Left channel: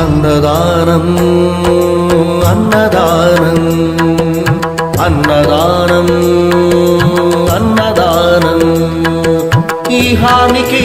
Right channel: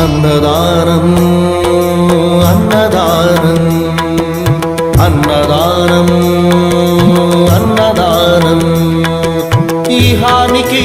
அன்னதானம் அன்னதானம் அன்னதானம் அன்னதானம். ஈஹானிக்கே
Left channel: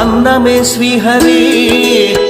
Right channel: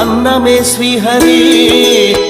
अन्नमे हरी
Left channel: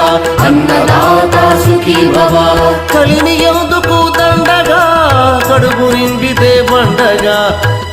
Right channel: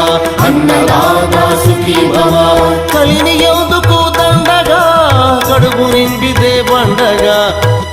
అన్నదాత సుఖీ భవ. కలిని ఎందుకు దండగా కడుపు నింపితే పండగా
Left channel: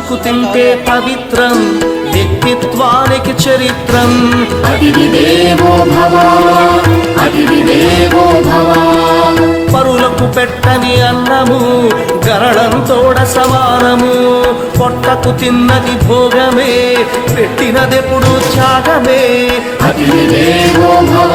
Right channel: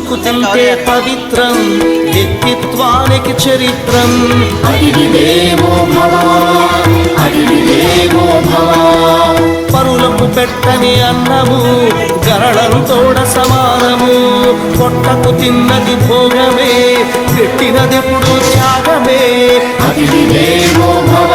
పంచుకు తింటే పవిత్రం వ్యక్తిత్వానికి చరిత్రం. అతిథి దేవో భవ అతిథి దేవో భవ. పరులకు పెట్టని అన్నము గరళంతోడ సమానము. పొట్టకు తిన్నది భోగమే పెట్టినదెప్పుడు త్యాగమే. అతిథి దేవో భవ